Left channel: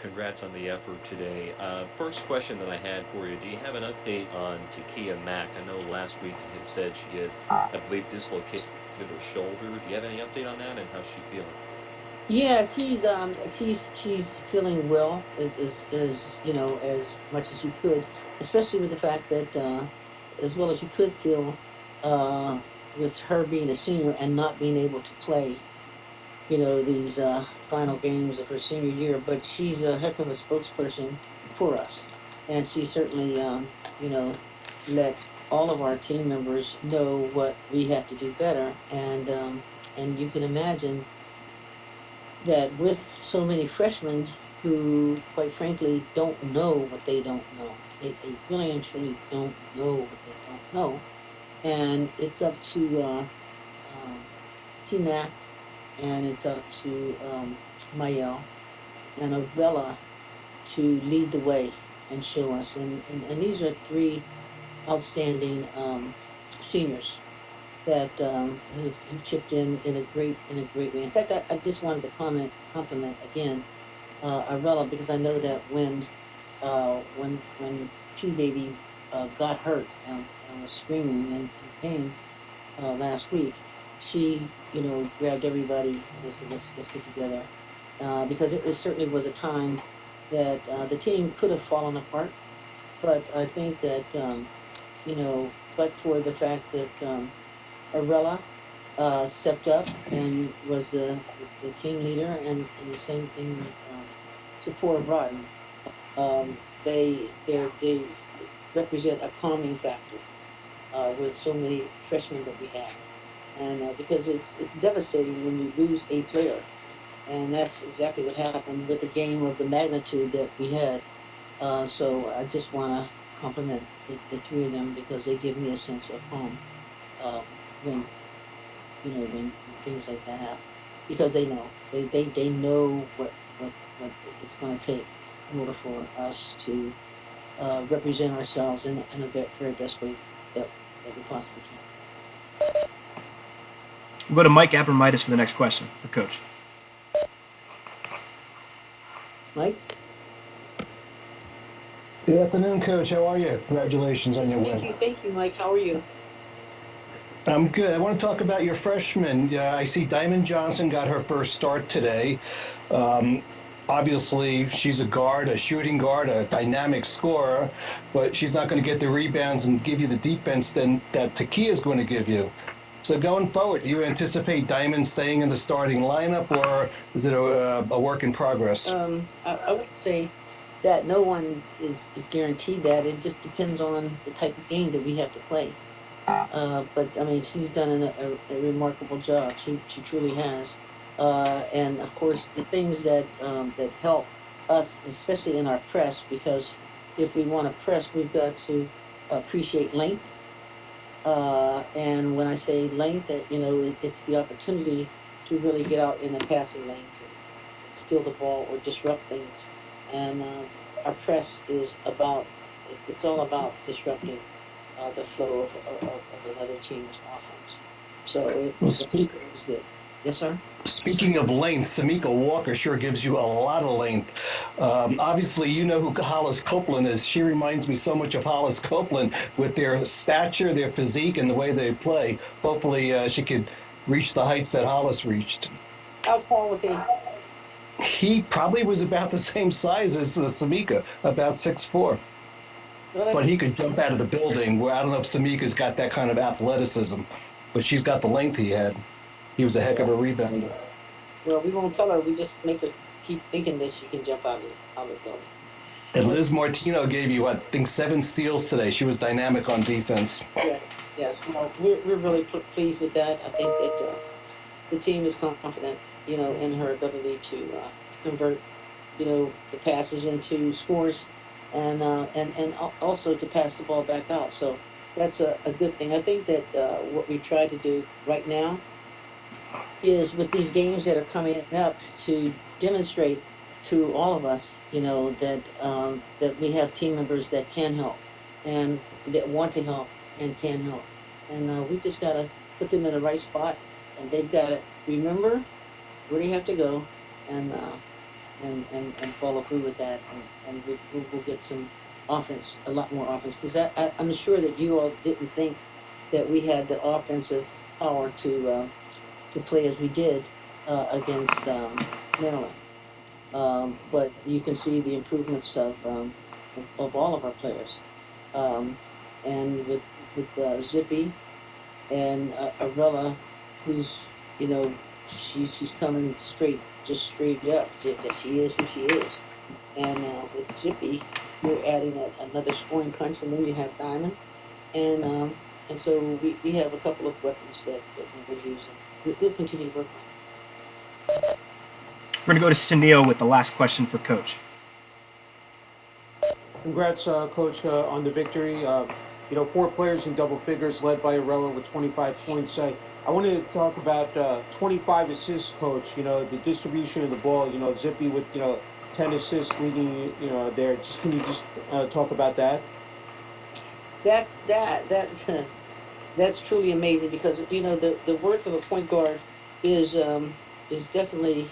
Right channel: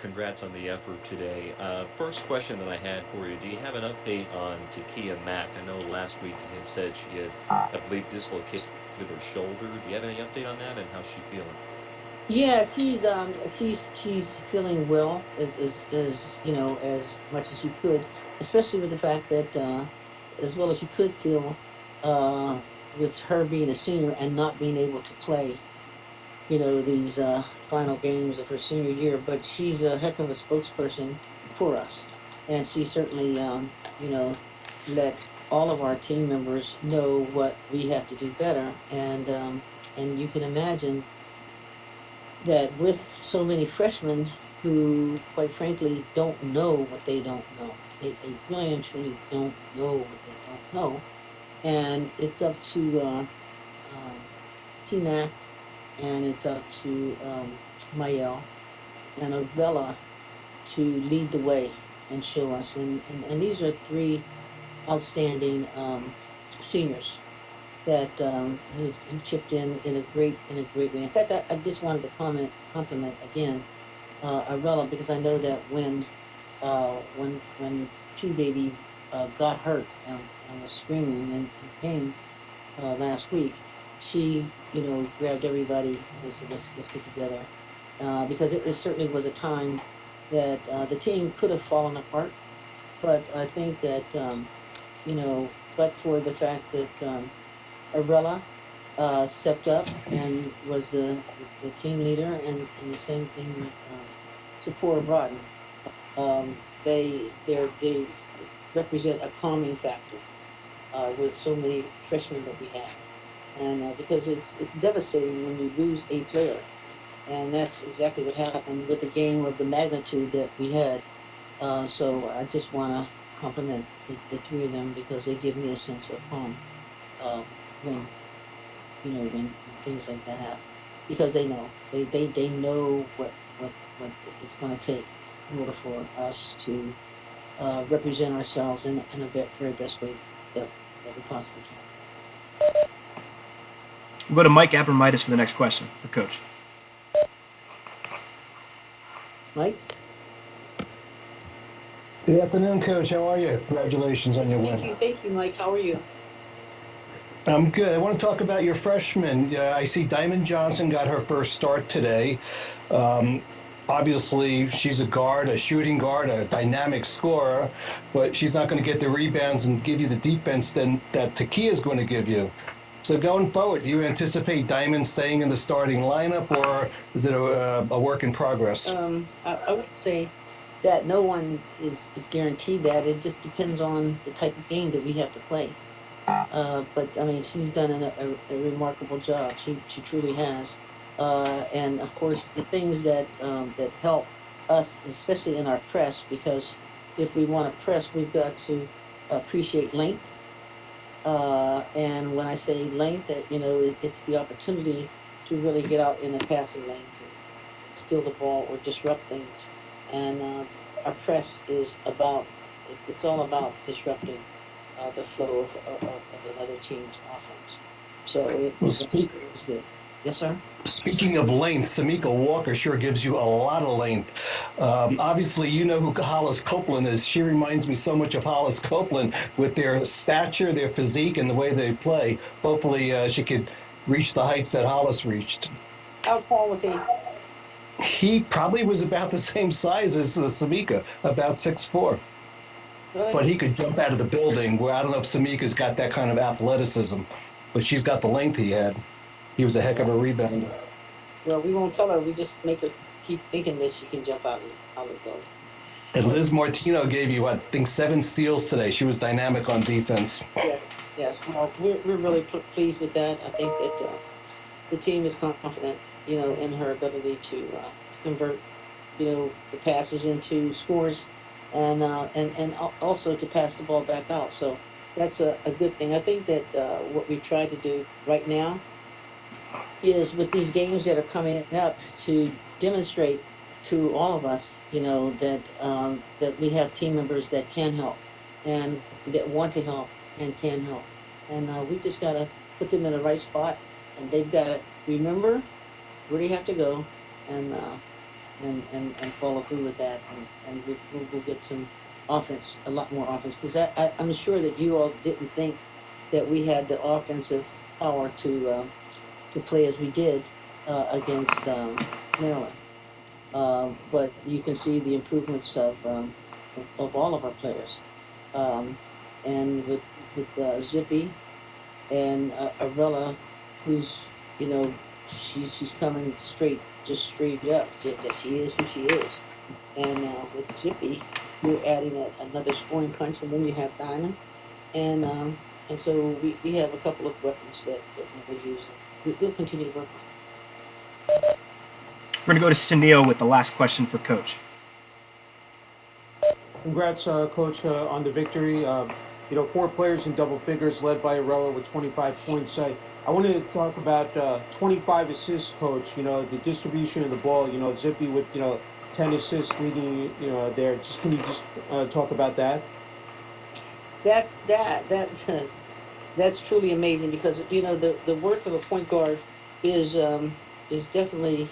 Congrats on the effort today. First question that I had for you, do you have an update on Takia Mack? I know last week you had said she had, I believe, dislocated her shoulder. Do you have any update on that and how's she feeling? Yeah, she's feeling well as you know as much as you could, especially with the fact that as well as you could feel uh, with her being a senior and not being able to play, these final games of her senior year. But she's a heck of a spokesperson for us, and she certainly let all of our team members know what we have to do better, and you can imagine that with so many freshmen who, quite frankly, don't know what they don't know. They really and truly don't know what they don't know. And it's up to T Mac, and it's up to Mayel and Avella to lead the way and show us. And these are three outstanding seniors that have chipped in a great way. In fact, I just wanted to compliment again Arella, because I know that when T Baby got hurt and was screaming in pain last week, she grabbed everybody and said, let's get together, because it certainly was a time that the team could have fallen apart. But I think that but for the fact that Arella stepped up and was the team leader, and the same thing with Sapora Broughton. They represent a calming factor with so many freshmen that we have, and because it's devastating when you lose a player, and that's exactly what happened with a game of the magnitude that we had. So I just want to compliment the three of them, because they give me a sense of calm uh, when when things like that happen, because they know what it's going to take in order for us to represent ourselves in a very best way that we possibly can. We'll go to Mike Abramitis for the next question for Coach. Mike, Good afternoon, Coach. How are you? Congratulations on your win. thank you, Mike. How are you? I'm good. I want to talk about your freshman. I see Diamond Johnson got her first start today. Um, Obviously, she's a guard, a shooting guard, a dynamic scorer, but she's not going to get the rebounds and give you the defense then that Takia is going to give you. So going forward, do you anticipate Diamond staying in the starting lineup, or is it a work in progress? I would say that no one is guaranteed that. It just depends on the type of game that we have to play. But I mean, she's done a remarkable job. She truly has. And of course, the things that help us, especially in our press, because if we want to press, we've got to appreciate length. And when I say length, it's the opportunity to really get out in the passing lanes and steal the ball or disrupt things. And our press is it's all about disrupting the flow of another team's offense. So Well, it was good. Yes, sir. speaking of length, Samika Walker sure gives you a lot of length. Obviously, you know who Hollis Copeland is. She reminds me so much of Hollis Copeland with their stature, their physique, and the way they play. Hopefully, she could reach the heights that Hollis reached. How tall was he? He probably was about the same size as Samika, about 6'4". But Really? he could jump out of the building. Where I don't know if Samika's got that kind of athleticism, but she's got the length he had. He was a heck of a rebounder. Well, we won't tell her. We just make her keep thinking that she can jump out of the building. And Liz Martino gave you, I think, 7 steals today. She was dynamic on defense. Yes, yes. Well, we're really pleased with that. I think that the team is confident, in her ability to convert, the passes into scores, and also to pass the ball back out. So that's a good thing. I think that what we try to do right now is, with these games that are coming up, to demonstrate to all of us, that we have team members that can help, and that want to help and can help, and we just gotta put them in the right spot, and they've got to remember where they have to go, and follow through with that, and we'll get some offense, a lot more offense, because I'm sure that you all didn't think that we had the offensive power to play as we did against Maryland. But you can see the improvements of all of our players, um, and with Zippy and Arella, who's she's coming straight, just straight up. That she is who she is, and with Zippy, you're adding another scoring punch, and then you have Diamond, and so we have a couple of weapons that we're using. We'll continue to work on it. We're going to go to Sunil with the last question for Coach. Congrats, Coach, on the victory. 4 players in double figures, led by Arella with 25 points. I wanted to talk about 25 assists, Coach. The distribution of the ball. Zippy with 10 assists leading. There. Can you just talk about that? That that's truly amazing, because the worth of a point guard is definitely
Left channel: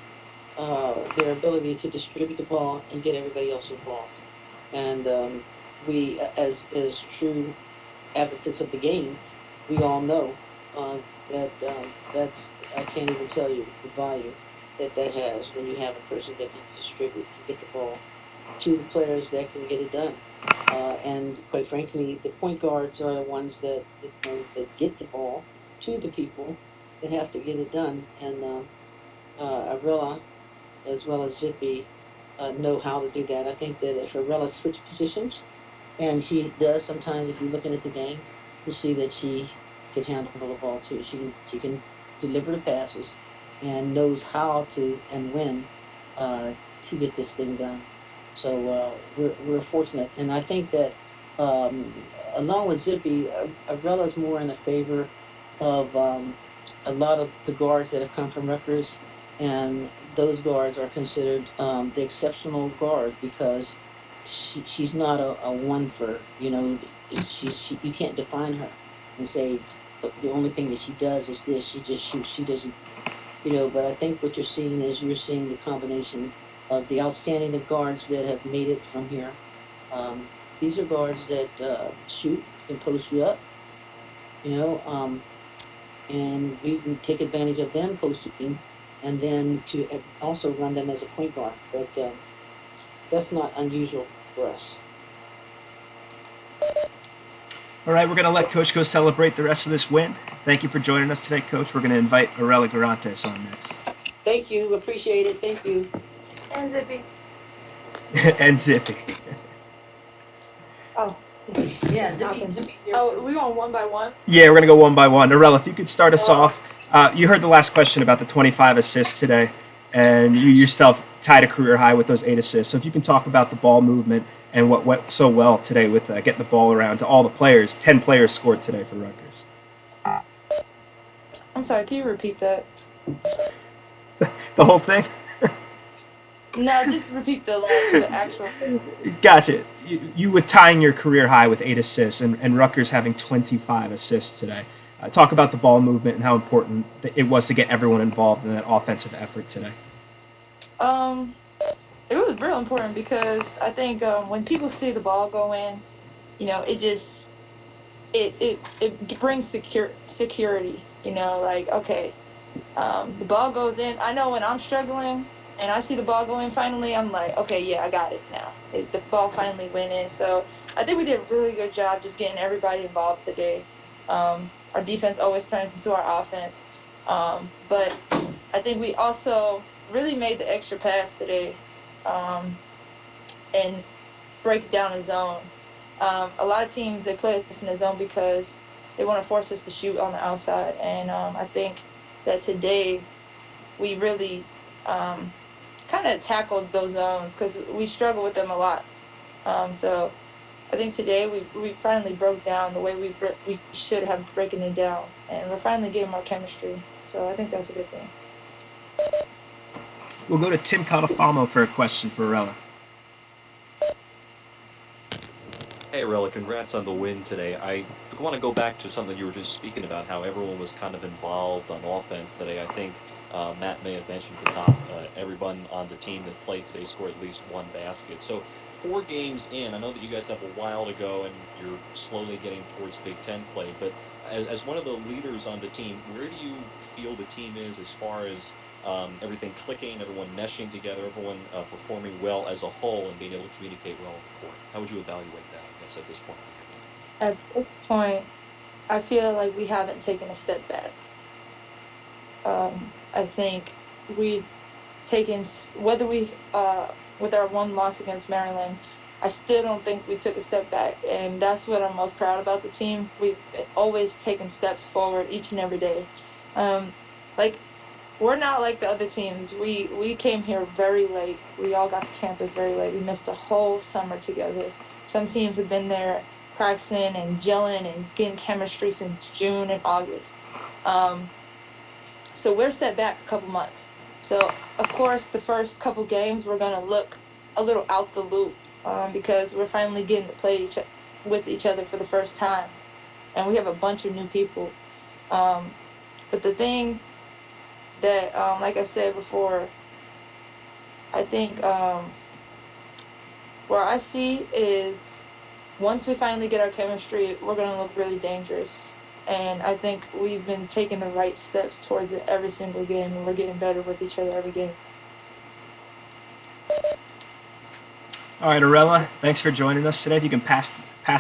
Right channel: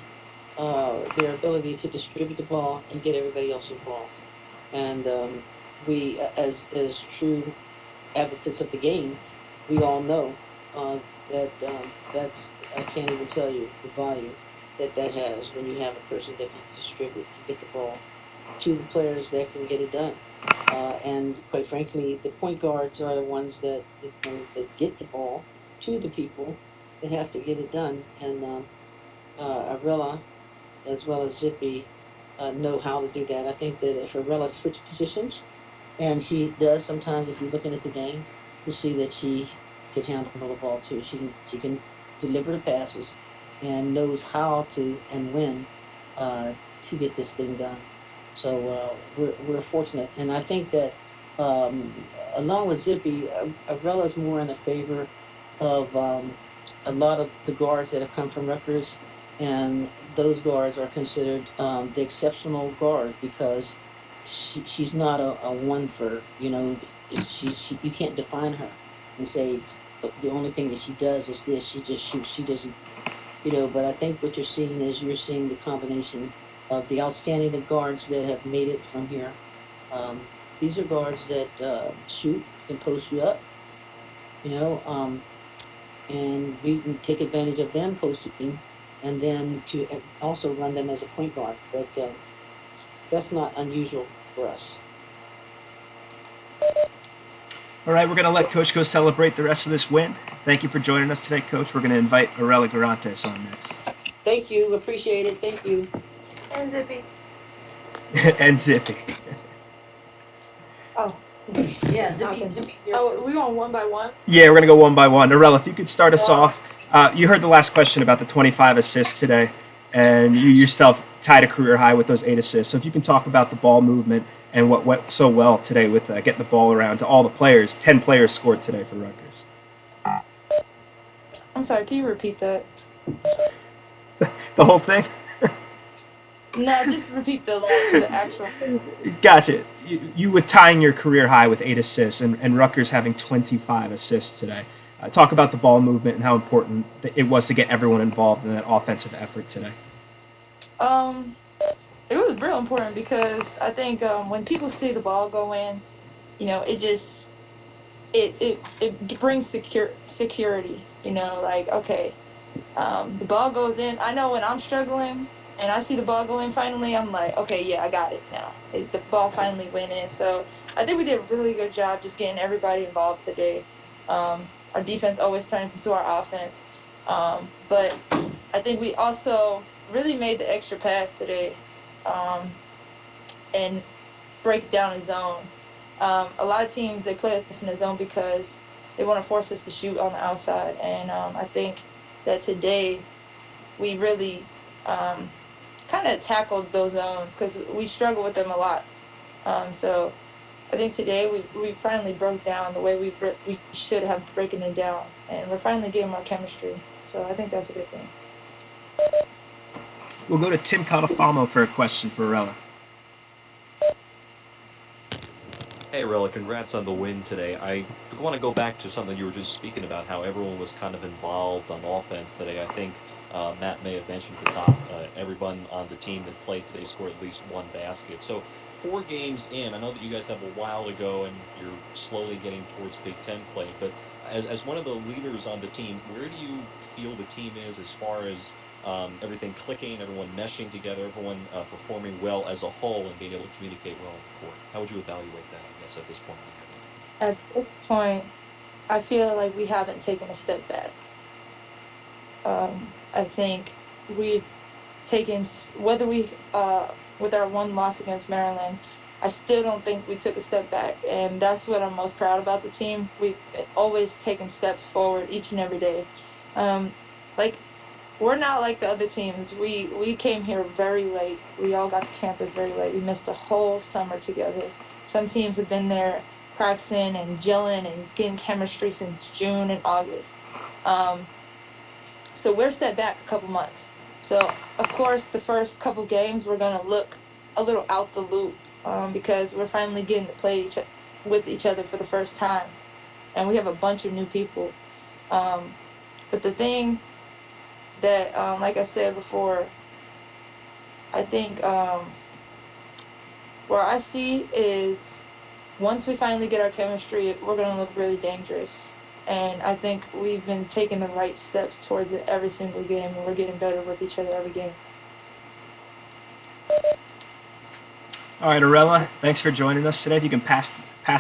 their ability to distribute the ball and get everybody else involved. And we, as true advocates of the game, we all know that I can't even tell you the value that has when you have a person that can distribute and get the ball to the players that can get it done. And quite frankly, the point guards are the ones that get the ball to the people that have to get it done. And Arella, as well as Zippy, know how to do that. I think that if Arella switched positions, and she does sometimes, if you're looking at the game, you'll see that she can handle the ball too. She can deliver the passes and knows how to and when to get this thing done. So we're fortunate, and I think that along with Zippy, Arella's more in the favor of a lot of the guards that have come from Rutgers, and those guards are considered the exceptional guard, because she's not a one for she you can't define her and say the only thing that she does is this. She just shoots. She doesn't. But I think what you're seeing the combination of the outstanding guards that have made it from here. These are guards that shoot, can post you up, you know, um, and we can take advantage of them posting, and then to also run them as a point guard. But that's not unusual for us. All right, we're going to let Coach go celebrate the rest of this win. Thank you for joining us today, Coach. We're going to invite Arella Garantes on next. Thank you. Appreciate it. Thank you. And Zippy. And Zippy. Oh. Yeah, Zippy's here. Oh, we going one by one? Yeah, we're going to go one by one. Arella, if you could start us off. You heard the last question about the 25 assists today, and you yourself tied a career high with those 8 assists. So if you can talk about the ball movement and what went so well today with getting the ball around to all the players. 10 players scored today for Rutgers. I'm sorry, can you repeat that? The whole thing? No, just repeat the actual. Gotcha. You were tying your career high with 8 assists, and Rutgers having 25 assists today. Talk about the ball movement and how important it was to get everyone involved in that offensive effort today. It was real important because I think when people see the ball go in, it just it brings security. Like, okay, the ball goes in. I know when I'm struggling and I see the ball go in finally, I'm like, okay, yeah, I got it now. The ball finally went in. So I think we did a really good job just getting everybody involved today. Our defense always turns into our offense. But I think we also really made the extra pass today and break down a zone. A lot of teams, they play us in the zone because they want to force us to shoot on the outside. And I think that today we really kind of tackled those zones because we struggle with them a lot. So I think today we finally broke down the way we should have broken it down. And we're finally getting our chemistry. So I think that's a good thing. We'll go to Tim Catafamo for a question for Arella. Hey, Arella, congrats on the win today. I want to go back to something you were just speaking about, how everyone was kind of involved on offense today. I think Matt may have mentioned the top everyone on the team that played today scored at least one basket. So 4 games in, I know that you guys have a while to go and you're slowly getting towards Big Ten play, but as one of the leaders on the team, where do you feel the team is as far as everything clicking, everyone meshing together, everyone performing well as a whole and being able to communicate well on the court? How would you evaluate that, I guess, at this point? At this point, I feel like we haven't taken a step back. I think we've taken, whether we've, with our one loss against Maryland, I still don't think we took a step back. And that's what I'm most proud about the team. We've always taken steps forward each and every day. Like, we're not like the other teams. We came here very late. We all got to campus very late. We missed a whole summer together. Some teams have been there practicing and gelling and getting chemistry since June and August. So we're set back a couple months. So, of course, the first couple games, we're going to look a little out the loop because we're finally getting to play with each other for the first time. And we have a bunch of new people. But the thing that, like I said before, I think where I see is once we finally get our chemistry, we're going to look really dangerous. And I think we've been taking the right steps towards it every single game, and we're getting better with each other every game. All right, Arella, thanks for joining us today. If you can pass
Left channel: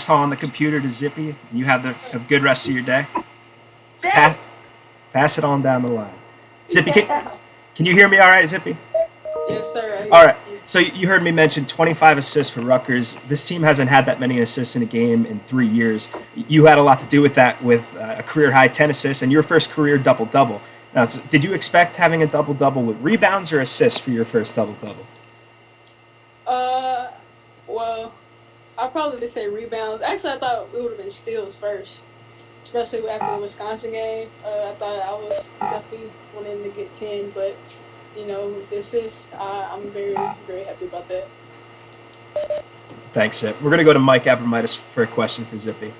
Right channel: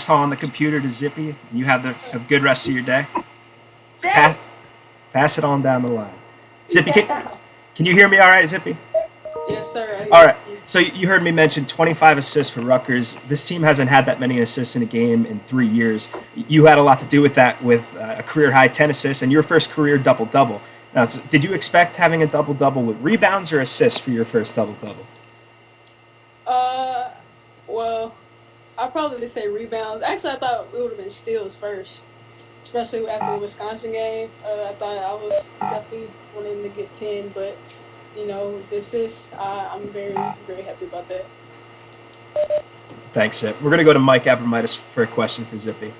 on the computer to Zippy, you have a good rest of your day. Pass it on down the line. Zippy, can you hear me all right, Zippy? Yes, sir. All right. So you heard me mention 25 assists for Rutgers. This team hasn't had that many assists in a game in 3 years. You had a lot to do with that, with a career-high 10 assists and your first career double-double. Now, did you expect having a double-double with rebounds or assists for your first double-double? Well, I'll probably say rebounds. Actually, I thought it would have been steals first, especially after the Wisconsin game. I thought I was definitely wanting to get 10, but the assists, I'm very, very happy about that. Thanks, Zip. We're going to go to Mike Abramitis for a question for Zippy.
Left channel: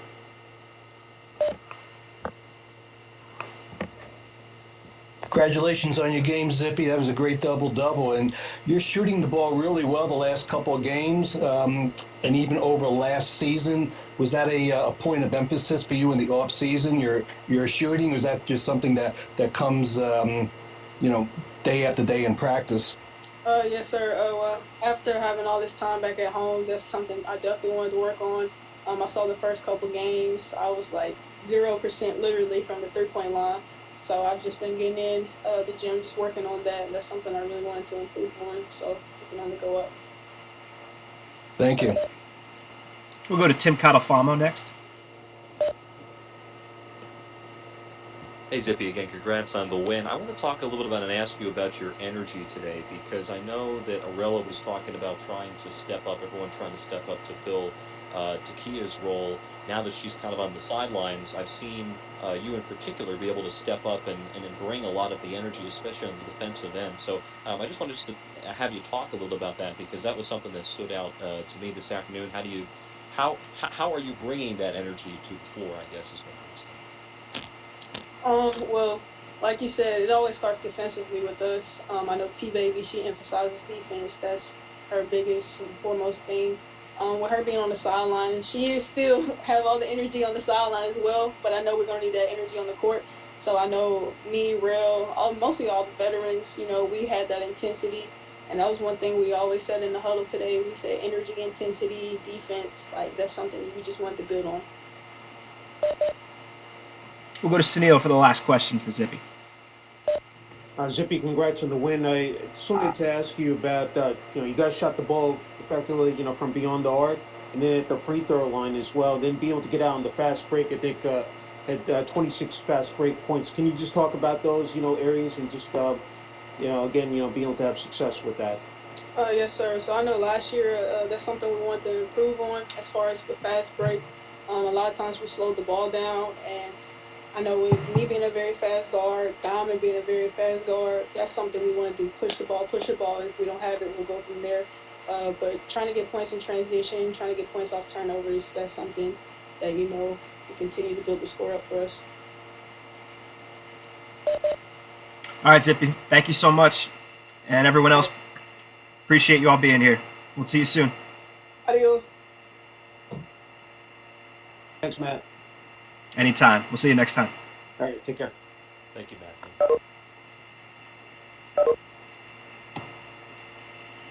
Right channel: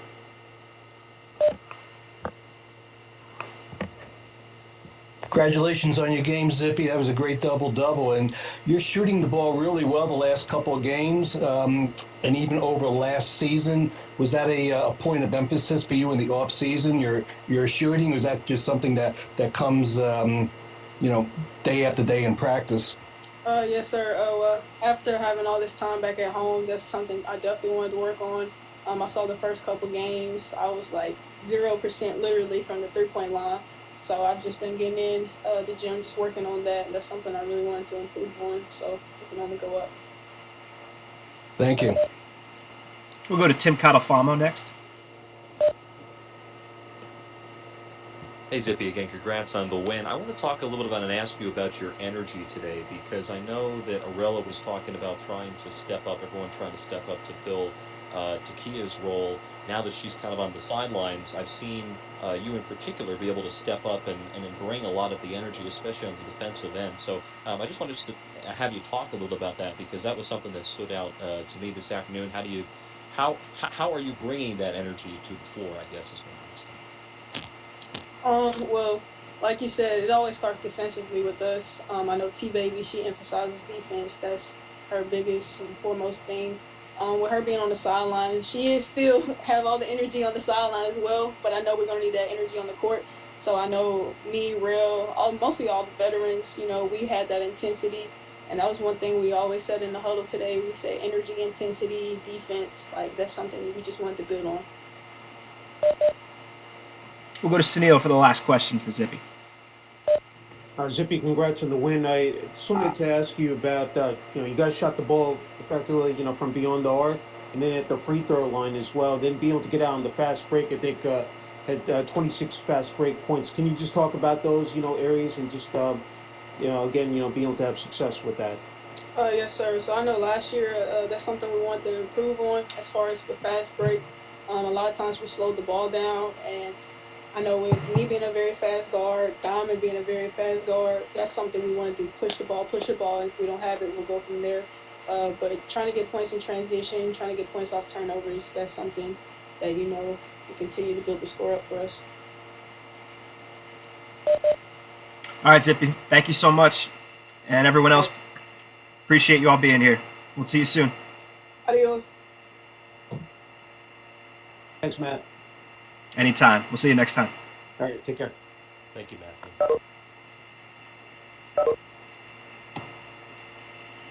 Congratulations on your game, Zippy. That was a great double-double, and you're shooting the ball really well the last couple of games, and even over last season. Was that a point of emphasis for you in the off season? Your shooting, or is that just something that comes, day after day in practice? Yes, sir. Well, after having all this time back at home, that's something I definitely wanted to work on. I saw the first couple games, I was like 0% literally from the 3-point line. So I've just been getting in the gym, just working on that. That's something I really wanted to improve on. So it can only go up. Thank you. We'll go to Tim Catalfamo next. Hey, Zippy, again, congrats on the win. I want to talk a little bit about and ask you about your energy today, because I know that Arella was talking about trying to step up, everyone trying to step up to fill Takia's role. Now that she's kind of on the sidelines, I've seen you in particular be able to step up and bring a lot of the energy, especially on the defensive end. So I just wanted to have you talk a little about that, because that was something that stood out to me this afternoon. How are you bringing that energy to the floor, I guess is what I'm asking. Well, like you said, it always starts defensively with us. I know T-Baby, she emphasizes defense. That's her biggest and foremost thing. With her being on the sideline, she is still have all the energy on the sideline as well, but I know we're going to need that energy on the court. So I know me, mostly all the veterans, we had that intensity. And that was one thing we always said in the huddle today. We said energy, intensity, defense. Like, that's something we just wanted to build on. We'll go to Sunil for the last question for Zippy. Zippy, congrats on the win. I just wanted to ask you about, you guys shot the ball effectively, from beyond the arc, and then at the free throw line as well. Then be able to get out on the fast break. I think had 26 fast break points. Can you just talk about those, areas and just, again, being able to have success with that? Yes, sir. So I know last year that's something we wanted to improve on as far as the fast break. A lot of times we slowed the ball down, and I know with me being a very fast guard, Diamond being a very fast guard, that's something we wanted to push the ball. And if we don't have it, we'll go from there. But trying to get points in transition, trying to get points off turnovers, that's something that, we continue to build the score up for us. All right, Zippy, thank you so much. And everyone else, appreciate you all being here. We'll see you soon. Adios. Thanks, Matt. Anytime. We'll see you next time. All right, take care. Thank you, Matthew.